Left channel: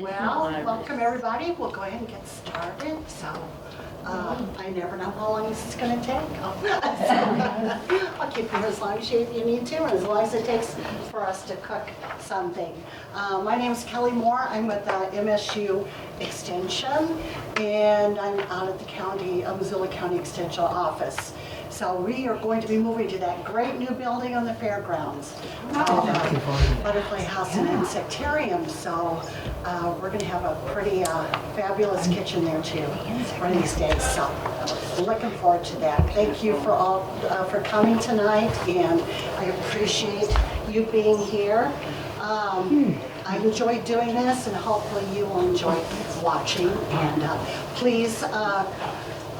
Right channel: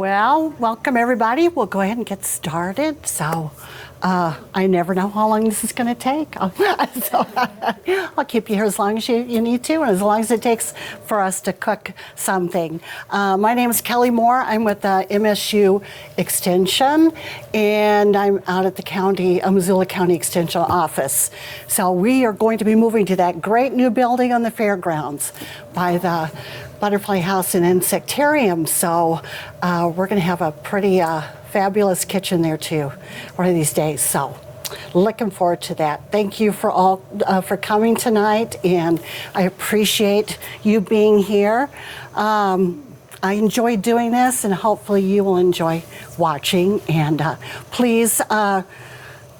Well, welcome everybody. We'll go ahead and get started. So, I never know how long this is going to take. I'll keep you here as long as you need to, and as long as it takes for us to cook something. My name is Kelly Moore. I'm with the MSU Extension, and I'm out at the Missoula County Extension Office. So we are going to be moving to that great new building on the fairgrounds by the Butterfly House and Insectarium. So we're going to have a pretty fabulous kitchen there too one of these days. So looking forward to that. Thank you for all for coming tonight, and I appreciate you being here. I enjoy doing this, and hopefully you will enjoy watching. And please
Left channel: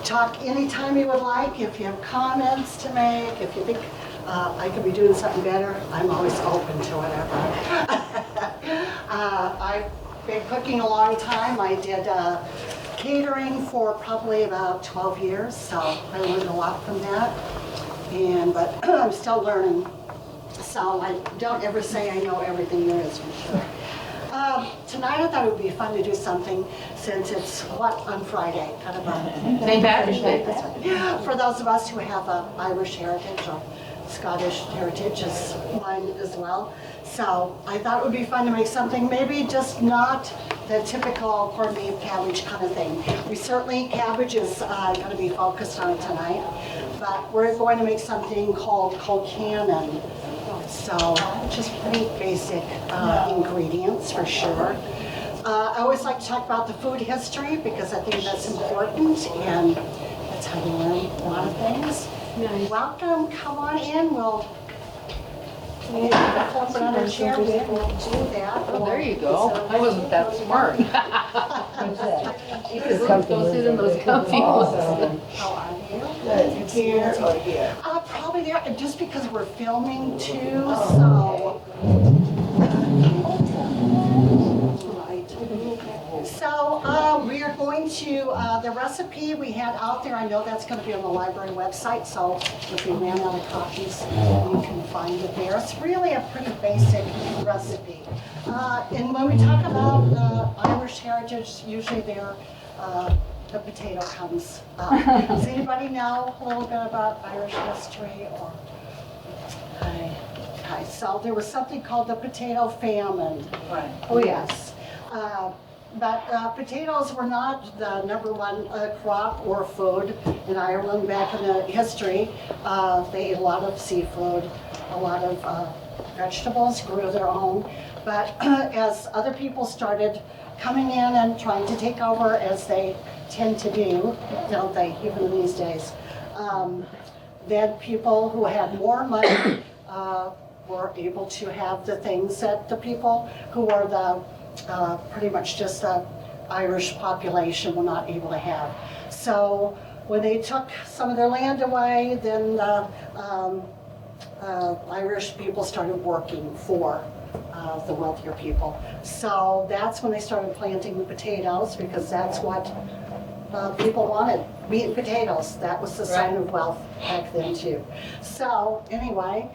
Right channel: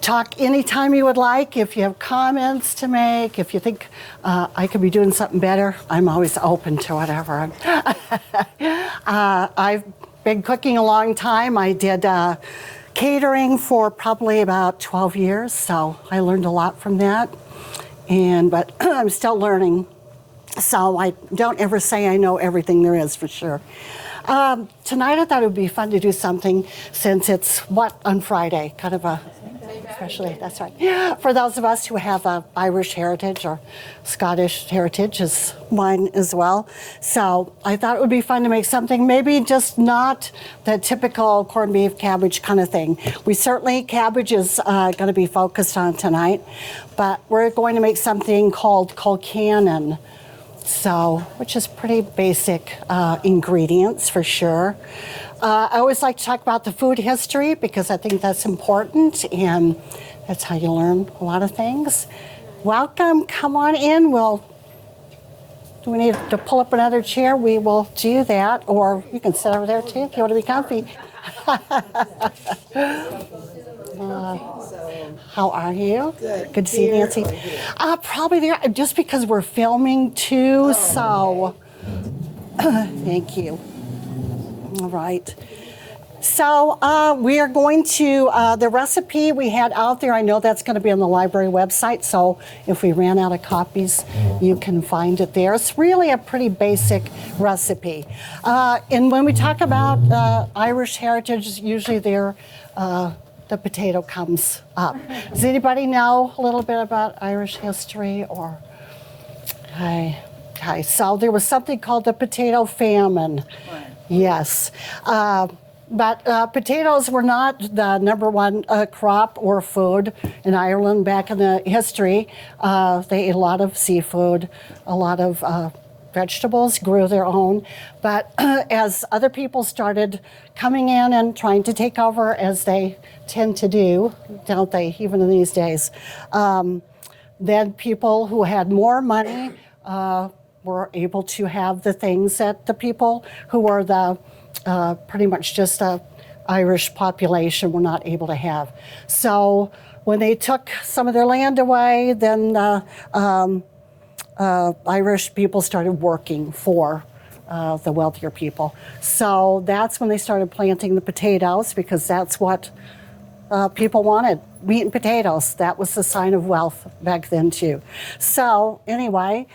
talk anytime you would like. If you have comments to make, if you think I could be doing something better, I'm always open to whatever. I've been cooking a long time. I did catering for probably about 12 years, so I learned a lot from that. But I'm still learning, so I don't ever say I know everything there is for sure. Tonight I thought it would be fun to do something, since it's on Friday, kind of a St. Patrick's Day. That's right. For those of us who have Irish heritage or Scottish heritage is mine as well. So I thought it would be fun to make something, maybe just not the typical corned beef cabbage kind of thing. Cabbage is going to be focused on tonight, but we're going to make something called Colcannon. So, which is pretty basic ingredients for sure. I always like to talk about the food history because I think that's important, and that's how you learn a lot of things. Nice. Welcome, come on in. We need to pull up another chair. We will do that, or you can sit on that too if you want to be comfy. How are you? Good to see you, Nancy. Probably there, just because we're filming too, so thank you. All right. So we are going to, the recipe we had out there, I know that's going to be on the library website, so if we ran out of copies, you can find it there. It's really a pretty basic recipe. And when we talk about Irish heritage, usually the potato comes up. Does anybody know a little bit about Irish history? Or Okay, so there was something called the potato famine. Yes. But potatoes were not the number one crop or food in Ireland back in the history. They ate a lot of seafood, a lot of vegetables, grew their own. But as other people started coming in and trying to take over, as they tend to do, don't they, even in these days, then people who had more money were able to have the things that the people who were the pretty much just the Irish population were not able to have. So when they took some of their land away, then Irish people started working for the wealthier people. So that's when they started planting the potatoes, because that's what people wanted, meat and potatoes. That was the sign of wealth back then too. So anyway,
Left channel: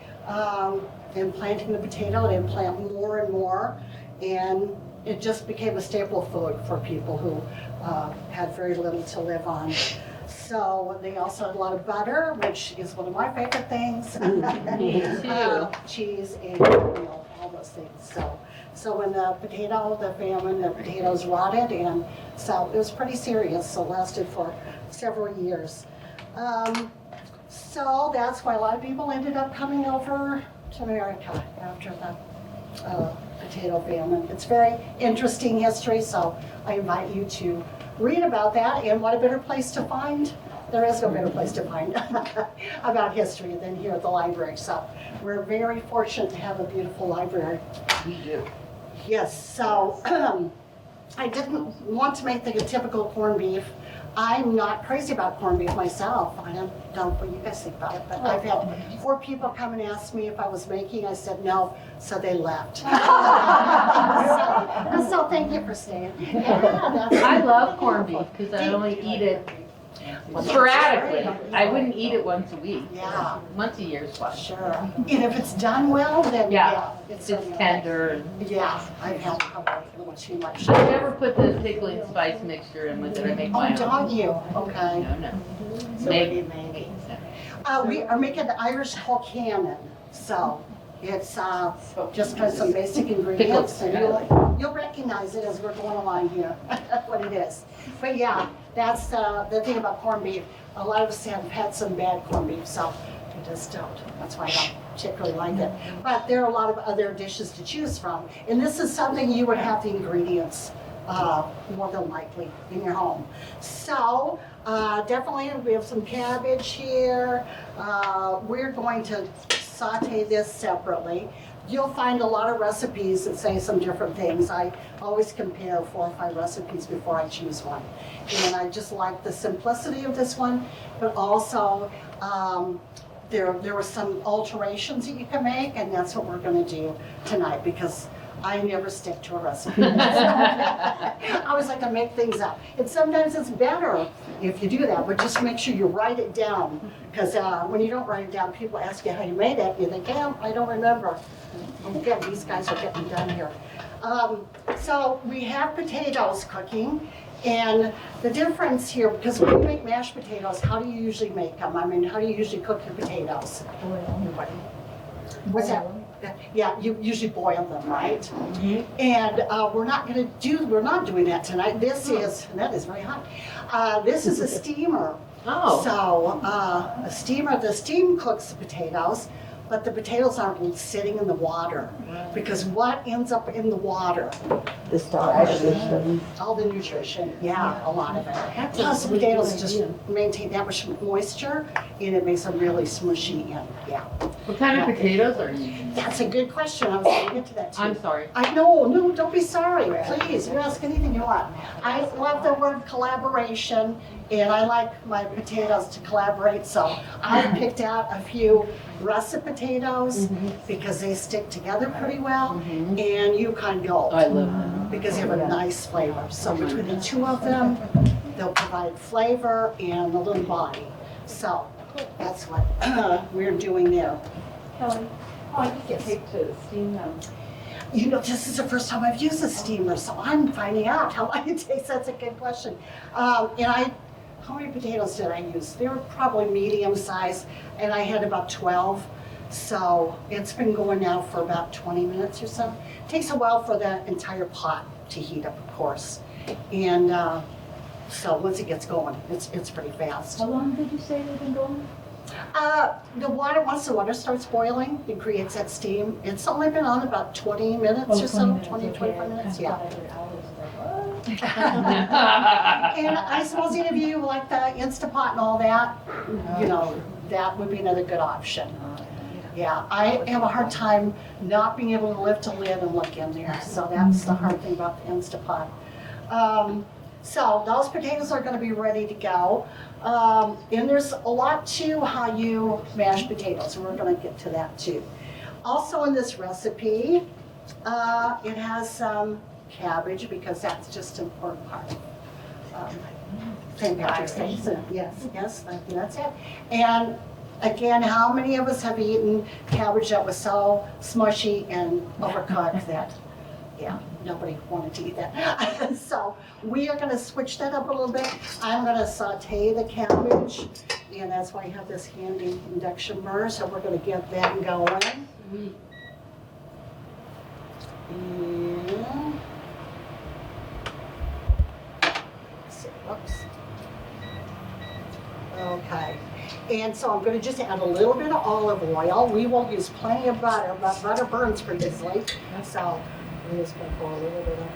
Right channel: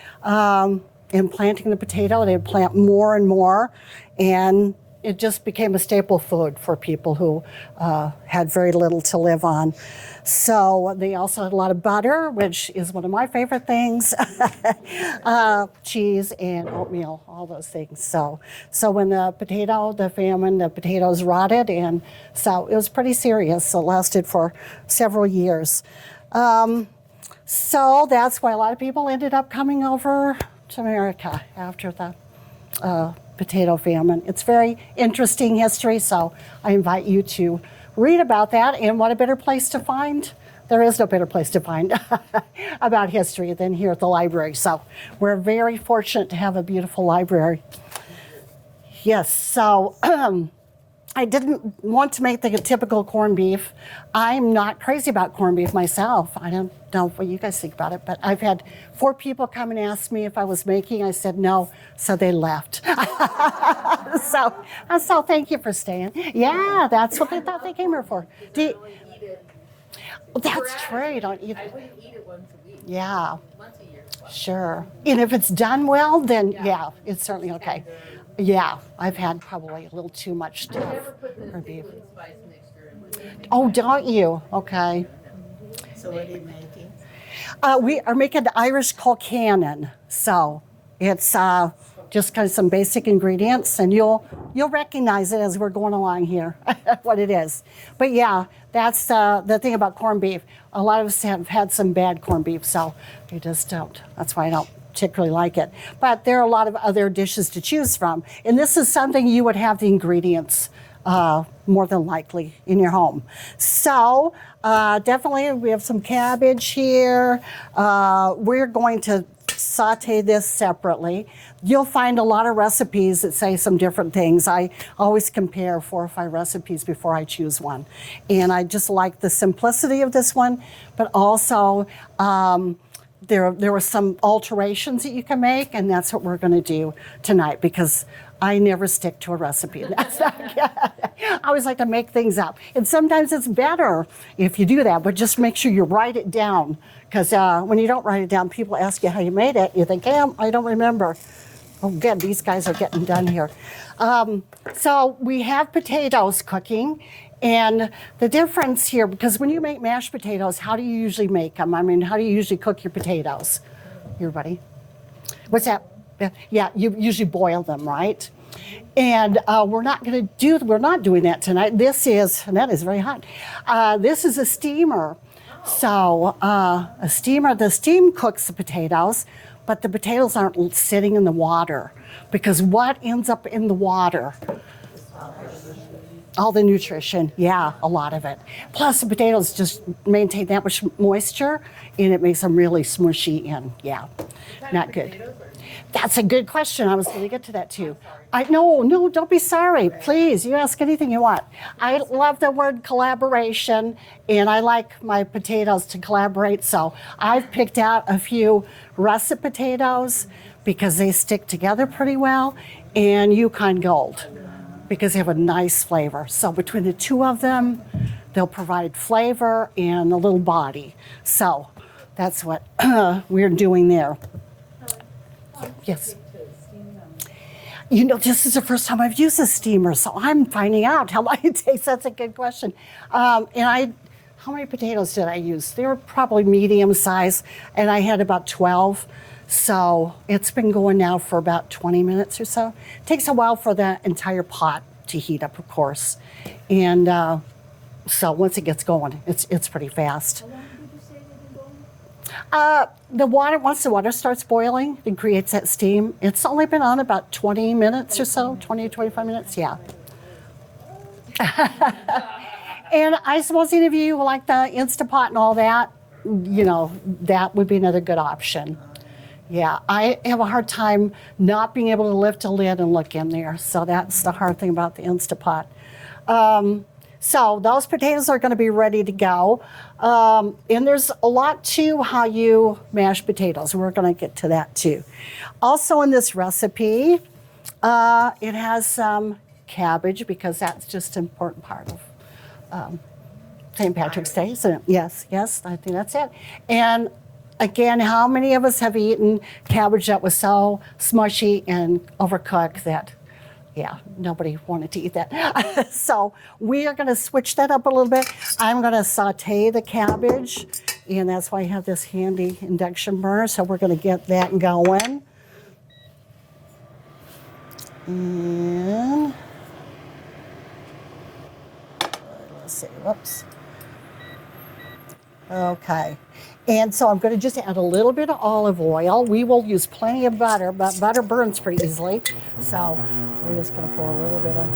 in planting the potato, they'd plant more and more, and it just became a staple food for people who had very little to live on. So they also had a lot of butter, which is one of my favorite things, cheese and all those things. So when the potatoes rotted, and so it was pretty serious. So it lasted for several years. So that's why a lot of people ended up coming over to America after the potato famine. It's very interesting history, so I invite you to read about that. And what a better place to find? There is no better place to find about history than here at the library. So we're very fortunate to have a beautiful library. Yes, so I didn't want to make the typical corned beef. I'm not crazy about corned beef myself. I don't know what you guys think about it, but I've had 4 people come and ask me if I was making. I said no, so they left. so thank you for staying. Yeah, that's what I love corned beef because I only eat it Well, that's Sporadically. right. I wouldn't eat it once a week. Yeah. Once a year is fine. Sure. And if it's done well, then Yeah. it's certainly okay. Tender. Yeah, I've had probably a little too much. I never put the pickling spice mixture in with it. I make my Oh, own. don't you? Okay. No. Maybe. We are making the Irish Colcannon, so it's just kind of some basic ingredients, and you'll recognize it as we're going along here, what it is. But yeah, that's the thing about corned beef. A lot of us have had some bad corned beef, so they just don't. That's why I don't particularly like it. But there are a lot of other dishes to choose from, and this is something you would have the ingredients more than likely in your home. So definitely we have some cabbage here. We're going to saute this separately. You'll find a lot of recipes that say some different things. I always compare 4 or 5 recipes before I choose one. And I just like the simplicity of this one, but also there were some alterations that you can make, and that's what we're going to do tonight, because I never stick to a recipe. I always like to make things up. And sometimes it's better if you do that, but just make sure you write it down. Because when you don't write it down, people ask you how you made it. You think, hey, I don't remember. Oh, good, these guys are getting done here. So we have potatoes cooking. And the difference here, because when you make mashed potatoes, how do you usually make them? I mean, how do you usually cook your potatoes? Everybody? What's that? Yeah, you usually boil them, right? Mm-hmm. And we're not doing that tonight. And that is very hot. This is a steamer. Oh. So a steamer, the steam cooks the potatoes, but the potatoes aren't sitting in the water, because what ends up in the water? All the nutrition, yeah, a lot of it. Plus the potatoes just maintain that much moisture, and it makes them really smushy and yeah. What kind of potatoes are you using? That's a good question. I was going to get to that too. I'm sorry. No, don't be sorry. Please, you ask anything you want. I love the word collaboration, and I like my potatoes to collaborate, so I've picked out a few russet potatoes because they stick together pretty well, and Yukon Gold. I love them. Because they have a nice flavor. So between the two of them, they'll provide flavor and a little body. So that's what we're doing there. Yes. To steam them. You know, this is the first time I've used a steamer, so I'm finding out how long it takes. That's a good question. How many potatoes did I use? They were probably medium size, and I had about 12. So it's been going now for about 20 minutes or so. It takes a while for the entire pot to heat up, of course. And so once it gets going, it's pretty fast. How long did you say they've been going? Once the water starts boiling, it creates that steam. It's only been on about 20 minutes or so, 20, 25 minutes, yeah. And I suppose any of you like the Instapot and all that, you know, that would be another good option. Yeah, I have a hard time not being able to lift a lid and look in there, so that's the hard thing about the Instapot. So those potatoes are going to be ready to go. And there's a lot to how you mash potatoes. We're going to get to that too. Also in this recipe, it has some cabbage, because that's just an important part of St. Patrick's Day, isn't it? Yes, I think that's it. And again, how many of us have eaten cabbage that was so smushy and overcooked that, yeah, nobody wanted to eat that. So we are going to switch that up a little bit. I'm going to saute the cabbage, and that's why I have this handy induction burner. So we're going to get that going. And let's see, whoops. Okay. And so I'm going to just add a little bit of olive oil. We will use plenty of butter, but butter burns pretty easily. So we're just going to pour a little bit of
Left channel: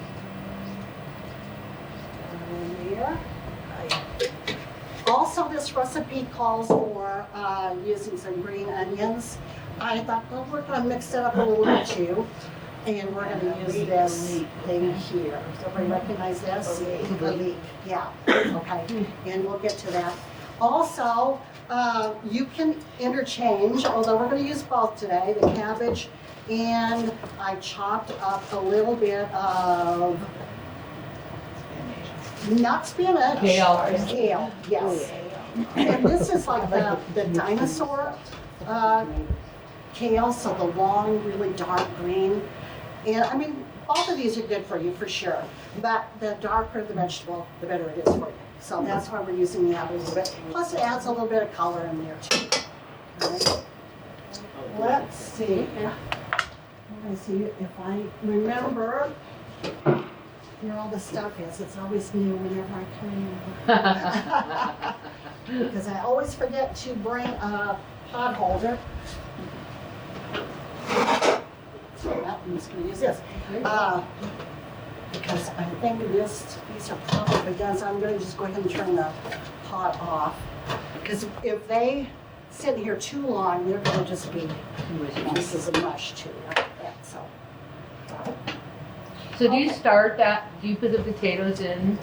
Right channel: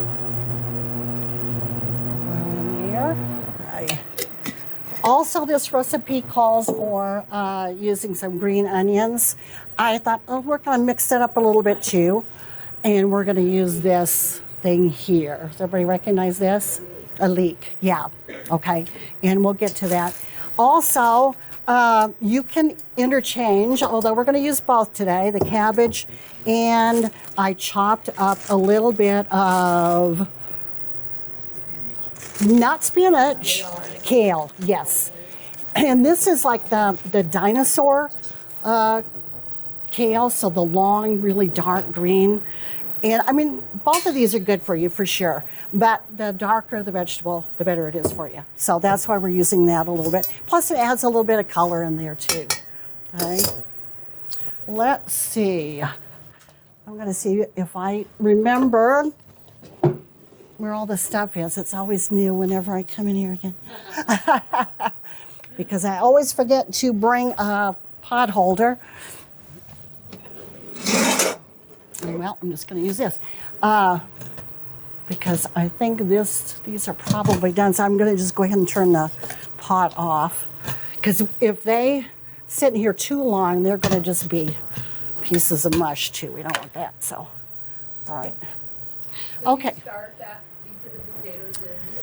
in there. Also, this recipe calls for using some green onions. I thought, oh, we're going to mix it up a little bit too. And we're going to use this thing here. Does everybody recognize this? A leek. Yeah. Okay. And we'll get to that. Also, you can interchange, although we're going to use both today, the cabbage, and I chopped up a little bit of, not spinach, kale, yes. And this is like the dinosaur kale, so the long, really dark green. And I mean, both of these are good for you for sure. But the darker the vegetable, the better it is for you. So that's why we're using that a little bit. Plus, it adds a little bit of color in there too. All right. Let's see. I'm going to see if I remember where all the stuff is. It's always new whenever I come in here again. Because I always forget to bring a pot holder. Well, I'm just going to use this. Because I think these are probably done. So I'm going to just go ahead and turn the pot off. Because if they sit here too long, they're going to just be pieces of mush too. We don't want that. So, all right. So do you start that, do you put the potatoes in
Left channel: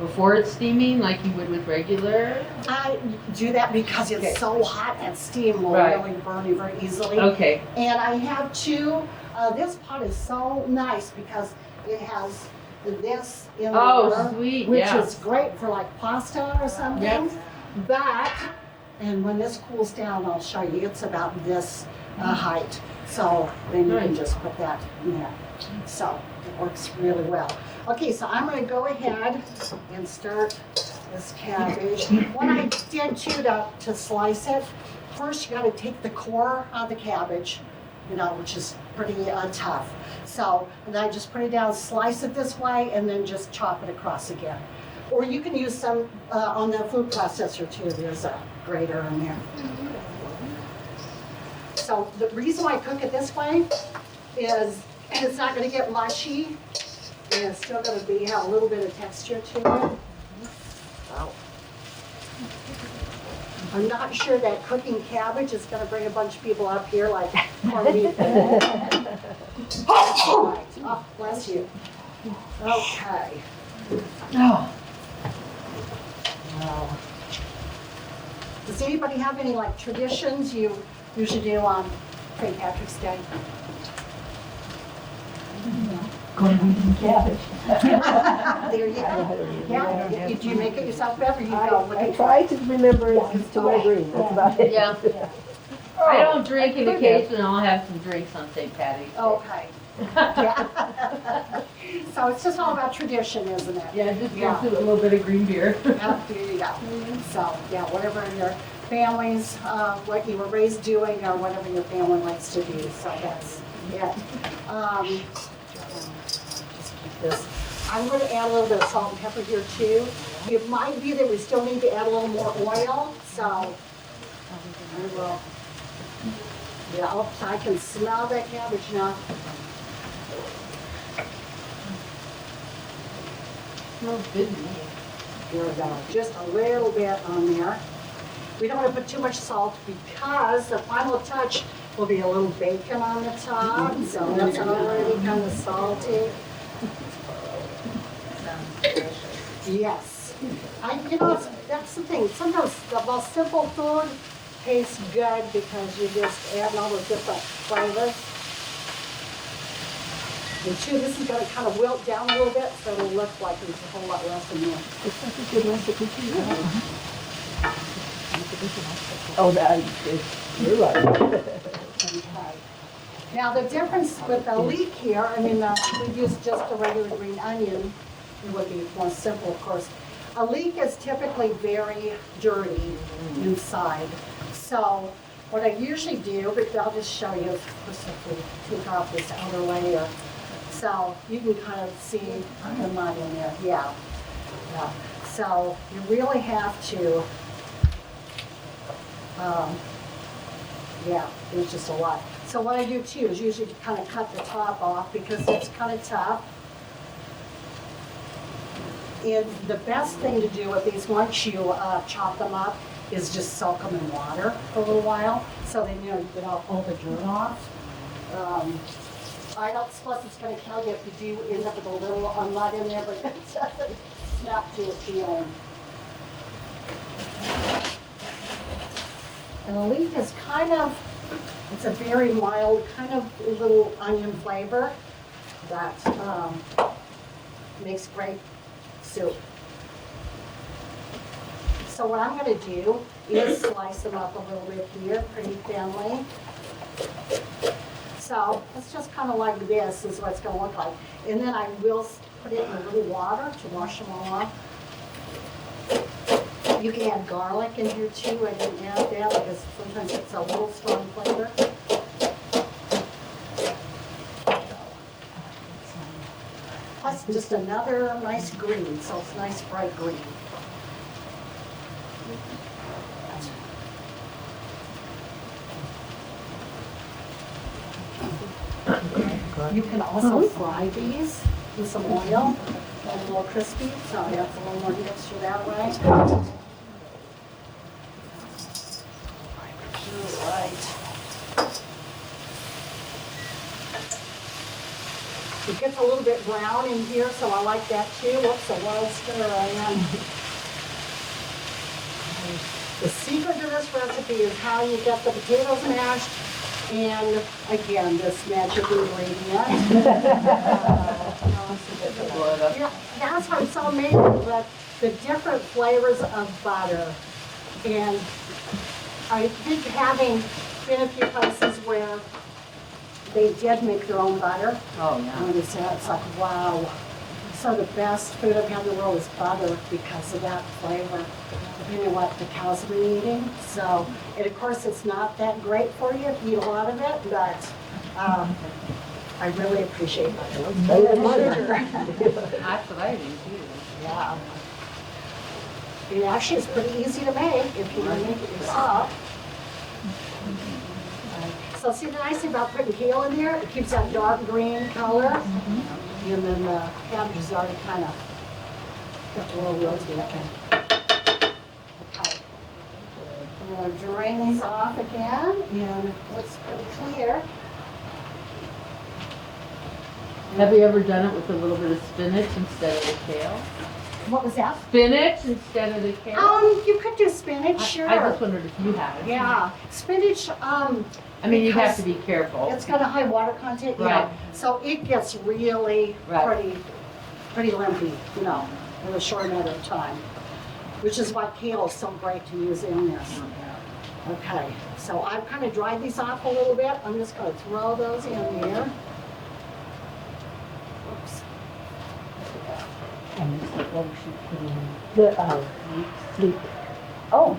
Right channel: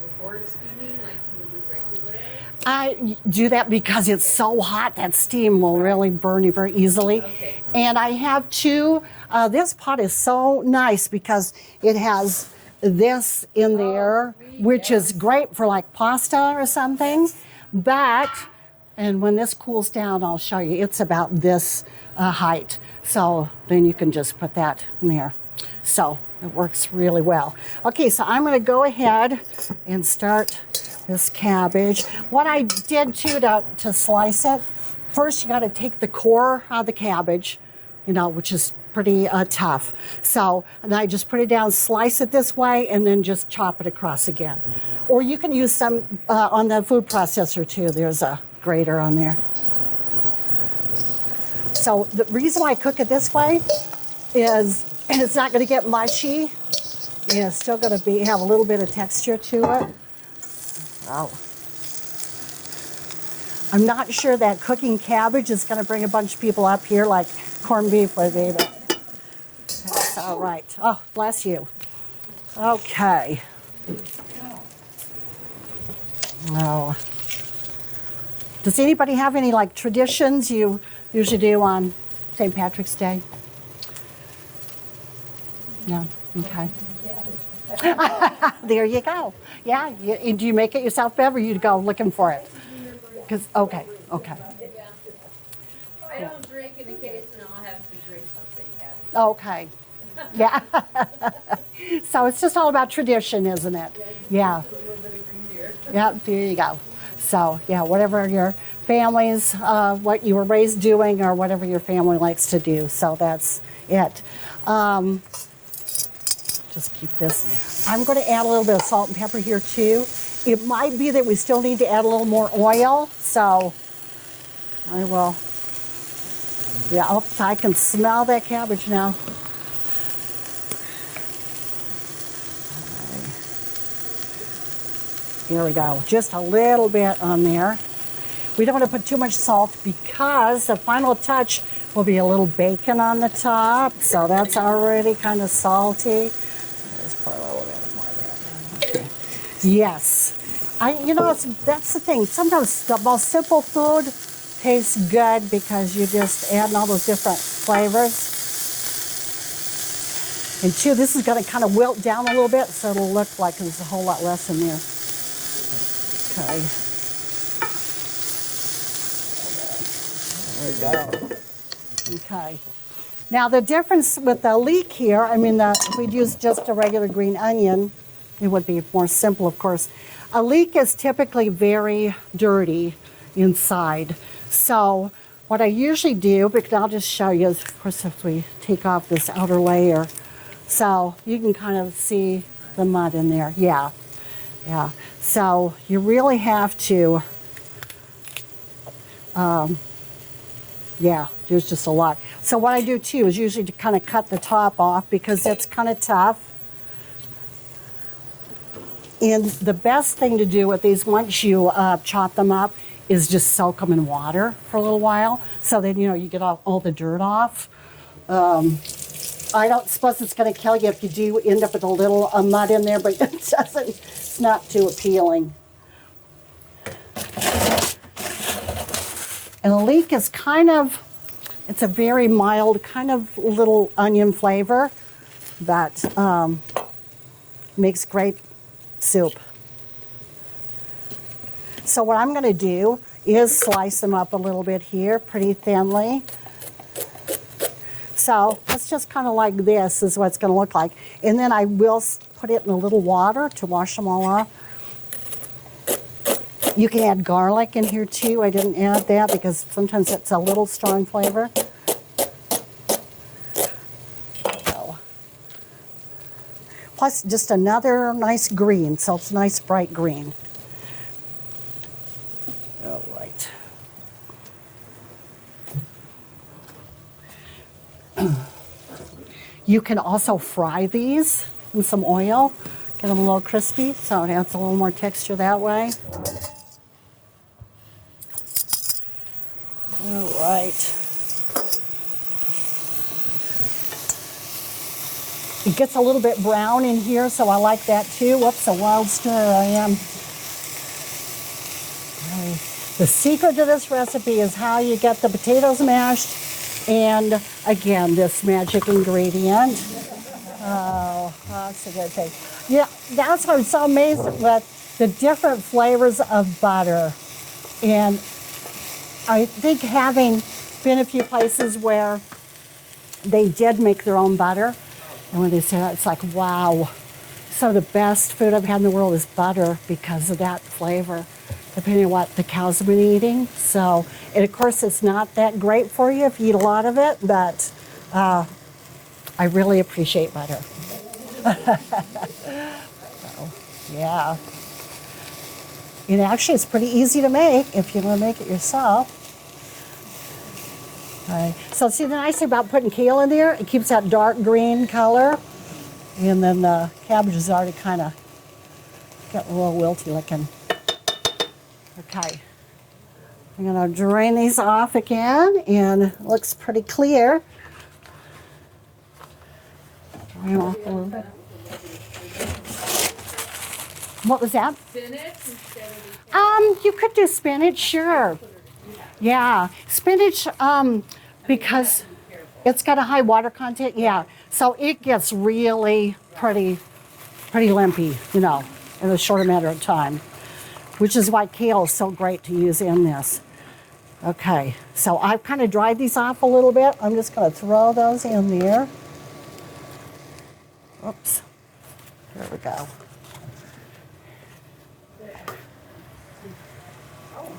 before it's steaming like you would with regular? I do that because it's so hot that steam will really burn you very easily. Okay. And I have two, this pot is so nice because it has this in there, sweet, which is great for like pasta or something. Yes. But, and when this cools down, I'll show you, it's about this height. So then you can just put that in there. So it works really well. Okay, so I'm going to go ahead and start this cabbage. What I did too to slice it, first you got to take the core out of the cabbage, you know, which is pretty tough. So then I just put it down, slice it this way, and then just chop it across again. Or you can use some on the food processor too. There's a grater on there. So the reason I cook it this way is it's not going to get mushy. And it's still going to have a little bit of texture to it. Oh. I'm not sure that cooking cabbage is going to bring a bunch of people up here like corned beef with it. All right. Oh, bless you. Okay. Oh. Well, does anybody have any like traditions you usually do on St. Patrick's Day? No. Okay. There you go. Yeah. Do you make it yourself, Bev, or you go looking for I it? try to remember it because I agree about it. Yeah. I don't drink in occasion, I'll have some drinks on St. Patty's. Okay. Yeah. So it's just all about tradition, isn't it? Yeah, just Yeah. a little bit of green beer. Yep, there you go. So, yeah, whatever your family's, what you were raised doing or whatever your family likes to do. So that's it. Just keep this. I'm going to add a little bit of salt and pepper here too. It might be that we still need to add a little more oil. So I will. Yeah, oh, so I can smell that cabbage now. Smells good to me. Here we go. Just a little bit on there. We don't want to put too much salt because the final touch will be a little bacon on the top. So that's already kind of salty. Just put a little bit more there. Yes. That's the thing. Sometimes the most simple food tastes good because you just add all those different flavors. And two, this is going to kind of wilt down a little bit, so it'll look like there's a whole lot less in there. Oh, that is you're right. Okay. Now the difference with the leek here, if we use just a regular green onion, it would be more simple, of course. A leek is typically very dirty inside. So what I usually do, because I'll just show you, of course, if we take off this outer layer, so you can kind of see the mud in there. Yeah. So you really have to, there's just a lot. So what I do too is usually to kind of cut the top off because it's kind of tough. And the best thing to do with these, once you chop them up, is just soak them in water for a little while, so that you get all the dirt off. I don't suppose it's going to kill you if you do end up with a little mud in there, but it's not too appealing. And the leek is it's a very mild, kind of little onion flavor that makes great soup. So what I'm gonna do is slice them up a little bit here, pretty thinly. So it's just kind of like this is what it's gonna look like. And then I will put it in a little water to wash them all off. You can add garlic in here too. I didn't add that because sometimes it's a little strong flavor. So. Plus just another nice green, so it's a nice bright green. You can also fry these in some oil, get them a little crispy, so it adds a little more texture that way. All right. It gets a little bit brown in here, so I like that too. Whoops, a wild stir I am. The secret to this recipe is how you get the potatoes mashed, and again, this magic ingredient. Yeah, that's what's so amazing, but the different flavors of butter. And I think having been a few places where they did make their own butter, it's like, wow. So the best food I've had in the world is butter because of that flavor, depending on what the cows have been eating. So, and of course it's not that great for you if you eat a lot of it, but I really appreciate butter. Yeah. It actually is pretty easy to make if you want to make it yourself. So see the nice thing about putting kale in there, it keeps that dark green color. And then the cabbage is already kind of getting a little wilty looking. Okay. I'm going to drain these off again, and it looks pretty clear. Have you ever done it with a little bit of spinach instead of the kale? What was that? Spinach instead of the kale? You could do spinach, sure. I just wondered if you have it. Yeah, spinach, I mean, you have because to be careful. it's got a high water content, yeah. Right. So it gets really Right. pretty limpy, you know, in a short amount of time, which is why kale is so great to use in this. Okay, so I've kind of dried these off a little bit. I'm just going to throw those in there. Oops. There we go. Oh.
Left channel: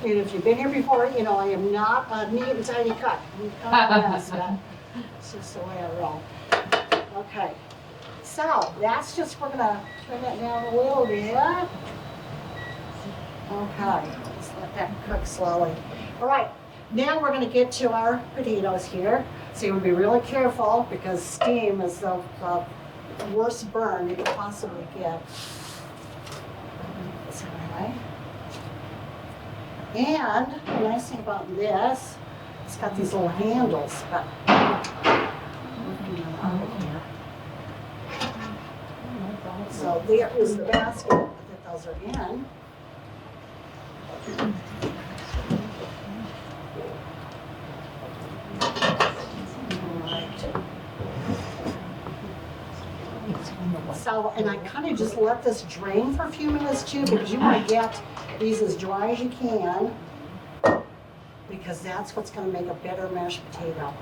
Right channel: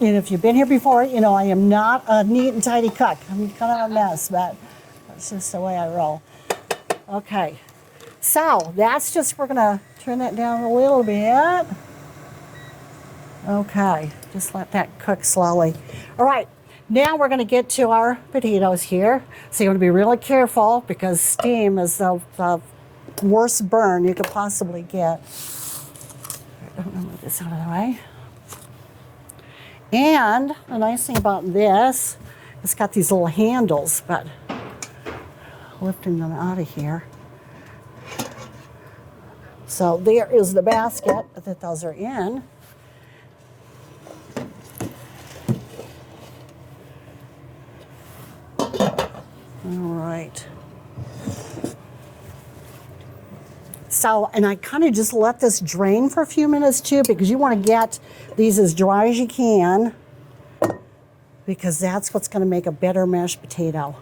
And if you've been here before, you know I am not a neat and tidy cook. I'm kind of a mess, but it's just the way I roll. Okay, so that's just, we're gonna turn that down a little bit. Okay, just let that cook slowly. All right, now we're gonna get to our potatoes here. So you have to be really careful because steam is the worst burn you could possibly get. Move this out of the way. And the nice thing about this, it's got these little handles, but lifting them out of here. So there is the basket that those are in. All right. So, and I kind of just let this drain for a few minutes too, because you want to get these as dry as you can, because that's what's going to make a better mashed potato.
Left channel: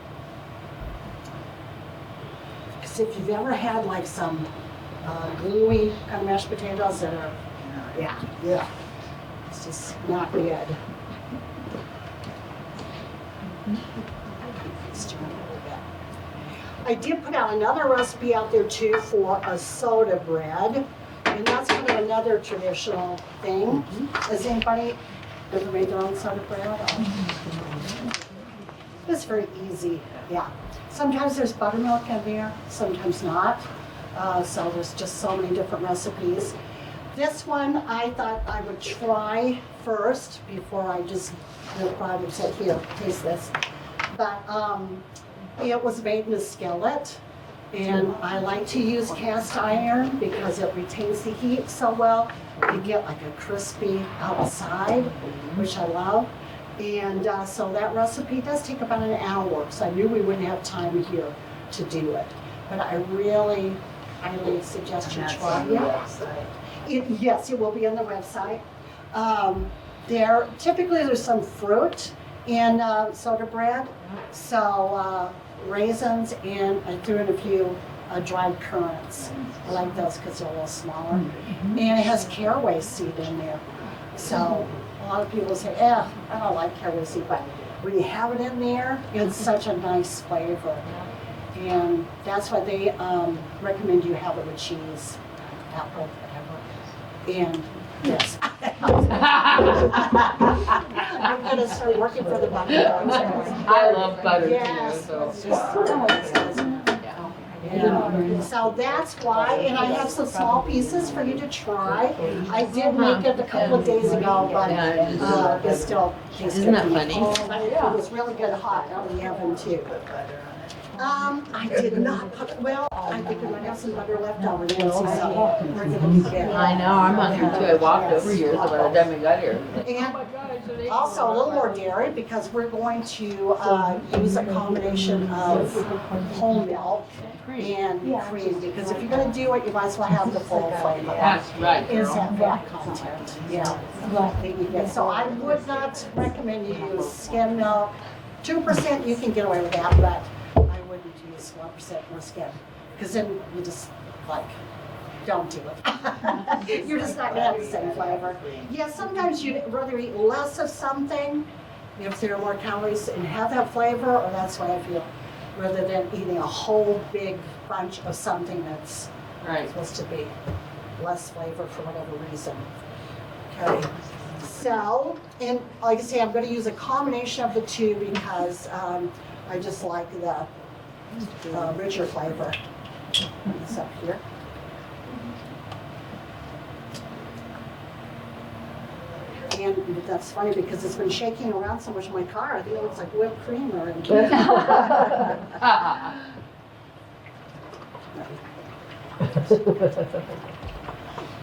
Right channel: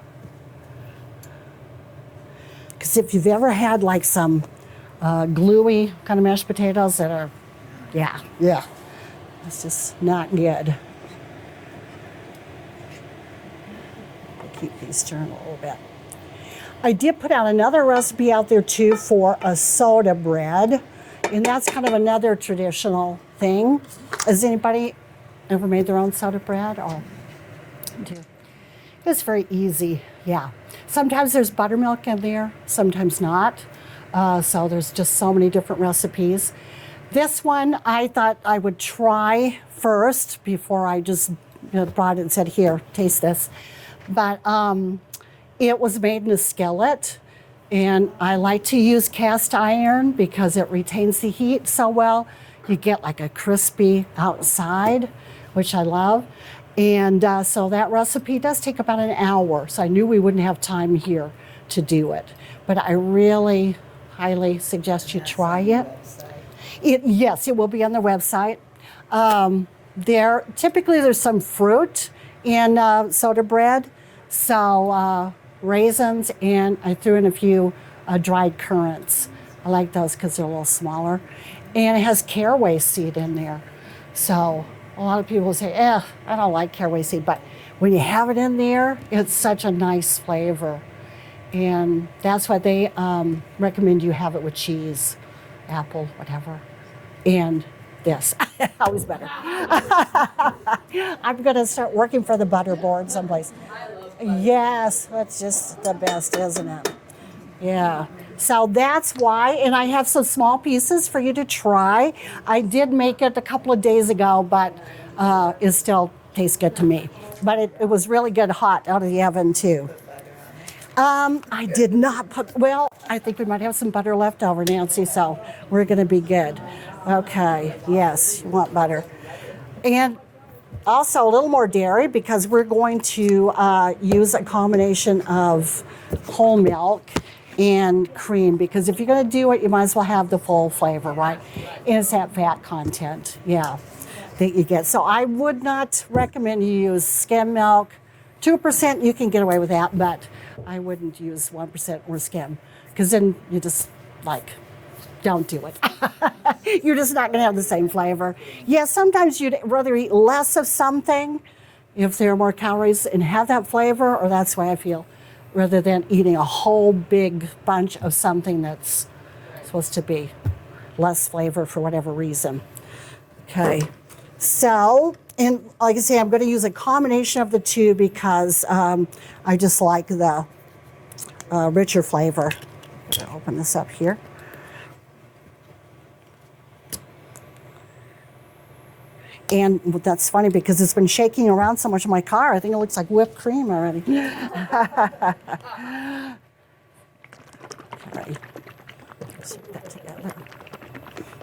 Because if you've ever had like some gluey kind of mashed potatoes that are, yeah, it's just not good. Keep these turned a little bit. I did put out another recipe out there too for a soda bread, and that's kind of another traditional thing. Has anybody ever made their own soda bread? It's very easy, yeah. Sometimes there's buttermilk in there, sometimes not. So there's just so many different recipes. This one I thought I would try first before I just brought it and said, here, taste this. But it was made in a skillet, and I like to use cast iron because it retains the heat so well. You get like a crispy outside, which I love. And so that recipe does take about an hour, so I knew we wouldn't have time here to do it. But I really highly suggest you try it. Yes, it will be on the website. There's some fruit in soda bread, so raisins, and I threw in a few dried currants. I like those because they're a little smaller, and it has caraway seed in there. So a lot of people say, I don't like caraway seed, but when you have it in there, it's such a nice flavor. And that's why they recommend you have it with cheese, apple, whatever. And yes, I'm gonna start working for the butter lords on this. I love butter. Yes, that's just the best, isn't it? Yeah, so that's why, and I have some small pieces for you to try. I did make it a couple of days ago, but it still tastes good to me. But it was really good hot out of the oven too. I did not put, well, I think we might have some butter left over, Nancy, so we're gonna be good. I know, I'm hungry too. I walked over here want by the butter. time we got here. And also a little more dairy because we're going to use a combination of whole milk and cream, because if you're gonna do it, you might as well have the full flavor, right? That's right. It's that fat content, yeah, that you get. So I would not recommend you use skim milk. 2% you can get away with that, but I wouldn't use 1% more skim, because then you just don't do it. You're just not gonna have the same flavor. Yeah, sometimes you'd rather eat less of something if there are more calories and have that flavor, or that's the way I feel, rather than eating a whole big bunch of something that's supposed to be less flavor for whatever reason. Okay, so, and like I say, I'm gonna use a combination of the two because I just like the richer flavor. I'll open this up here. And that's funny because it's been shaking around so much in my car. I think it looks like whipped cream already.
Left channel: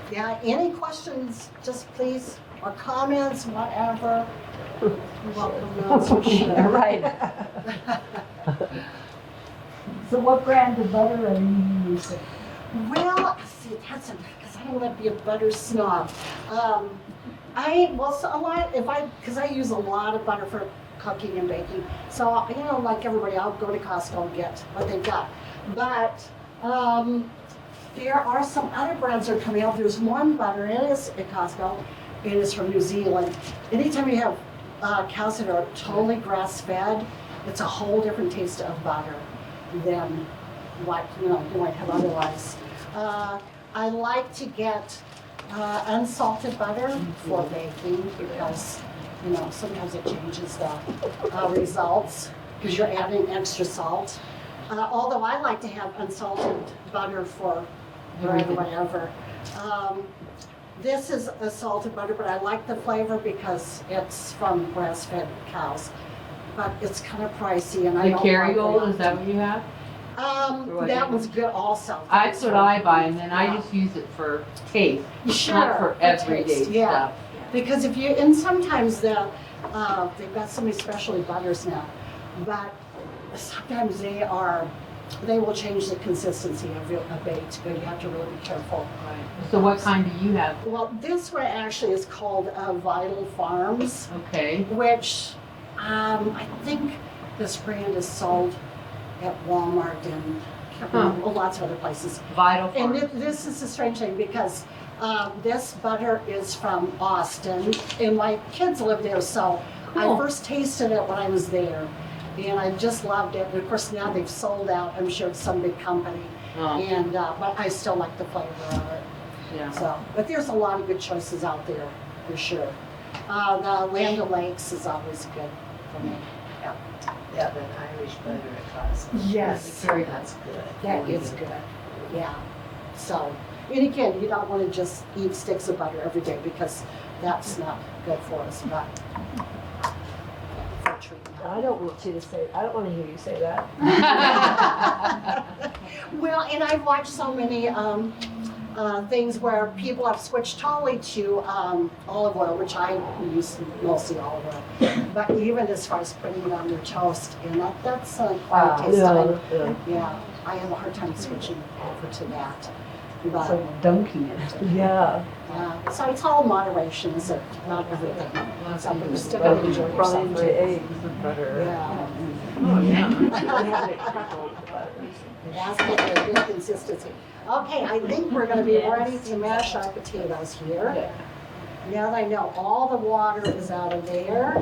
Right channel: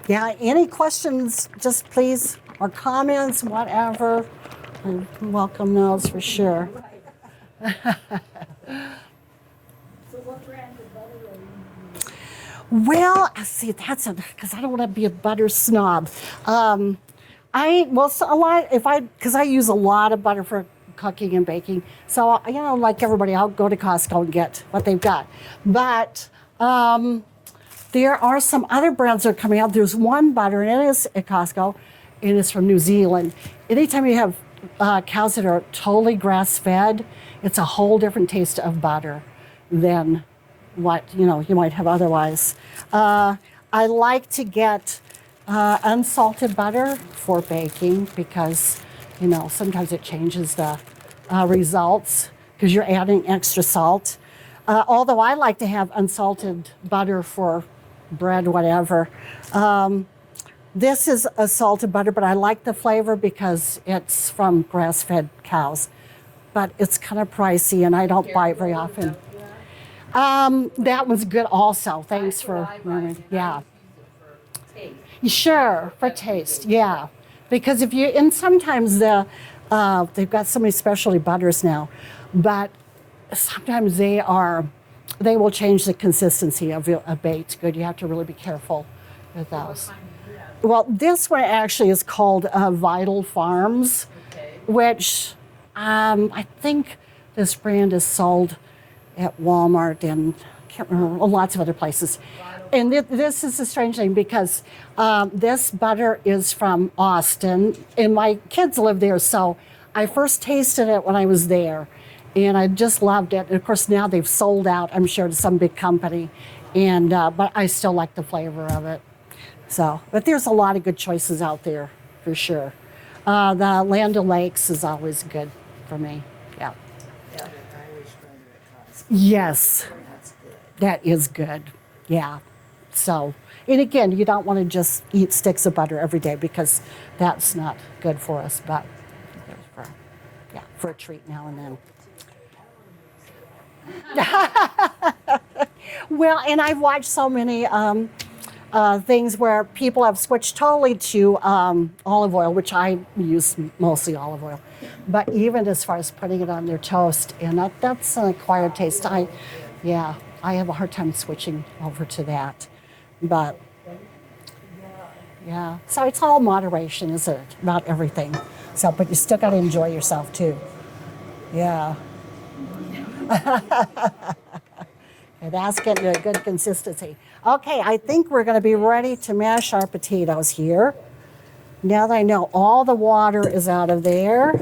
Yeah, any questions, just please, or comments, whatever. Welcome those for sure. Right. So what brand of butter are you using? Well, see, that's because I don't want to be a butter snob. Because I use a lot of butter for cooking and baking. So, like everybody, I'll go to Costco and get what they've got. But there are some other brands that are coming out. There's one butter, and it is at Costco. It is from New Zealand. Anytime you have cows that are totally grass-fed, it's a whole different taste of butter than what you might have otherwise. I like to get unsalted butter for baking because sometimes it changes the results because you're adding extra salt. Although I like to have unsalted butter for bread or whatever. This is a salted butter, but I like the flavor because it's from grass-fed cows. But it's kind of pricey, and I don't buy it very Kerrygold, often. is that what you have? That was good also. That's what I buy, and then I just use it for taste. Sure, not for everyday taste, yeah. stuff. Because sometimes they've got so many specialty butters now, but sometimes they will change the consistency of a baked good. You have to really be careful. Right. So what kind do you have? Well, this one actually is called Vital Farms, Okay. which I think this brand is sold at Walmart and I can't remember, lots of other places. Vital And Farms. this is a strange thing because this butter is from Austin, and my kids live there, so I first tasted it when I was there, and I just loved it. And of course, now they've sold out, I'm sure, to some big company, and but I still like the flavor of it. Yeah. So, but there's a lot of good choices out there, for sure. The Land O'Lakes is always good for me. Yeah. Yeah, that Irish butter at Costco. Yes. That's good. That is good, yeah. So, and again, you don't want to just eat sticks of butter every day because that's not good for us, but for a treat now. I don't want to hear you say that. Well, and I've watched so many things where people have switched totally to olive oil, which I use mostly olive oil. But even as far as putting it on their toast, and that's an acquired taste. Yeah, I have a hard time switching over to that. But So dunking it. Yeah. yeah, so it's all moderation, is it? Not everything. So, but you still gotta enjoy yourself too. Yeah. Oh, yeah. And that's getting a good consistency. Okay, I think we're gonna be ready to mash our potatoes here. Now that I know all the water is out of there,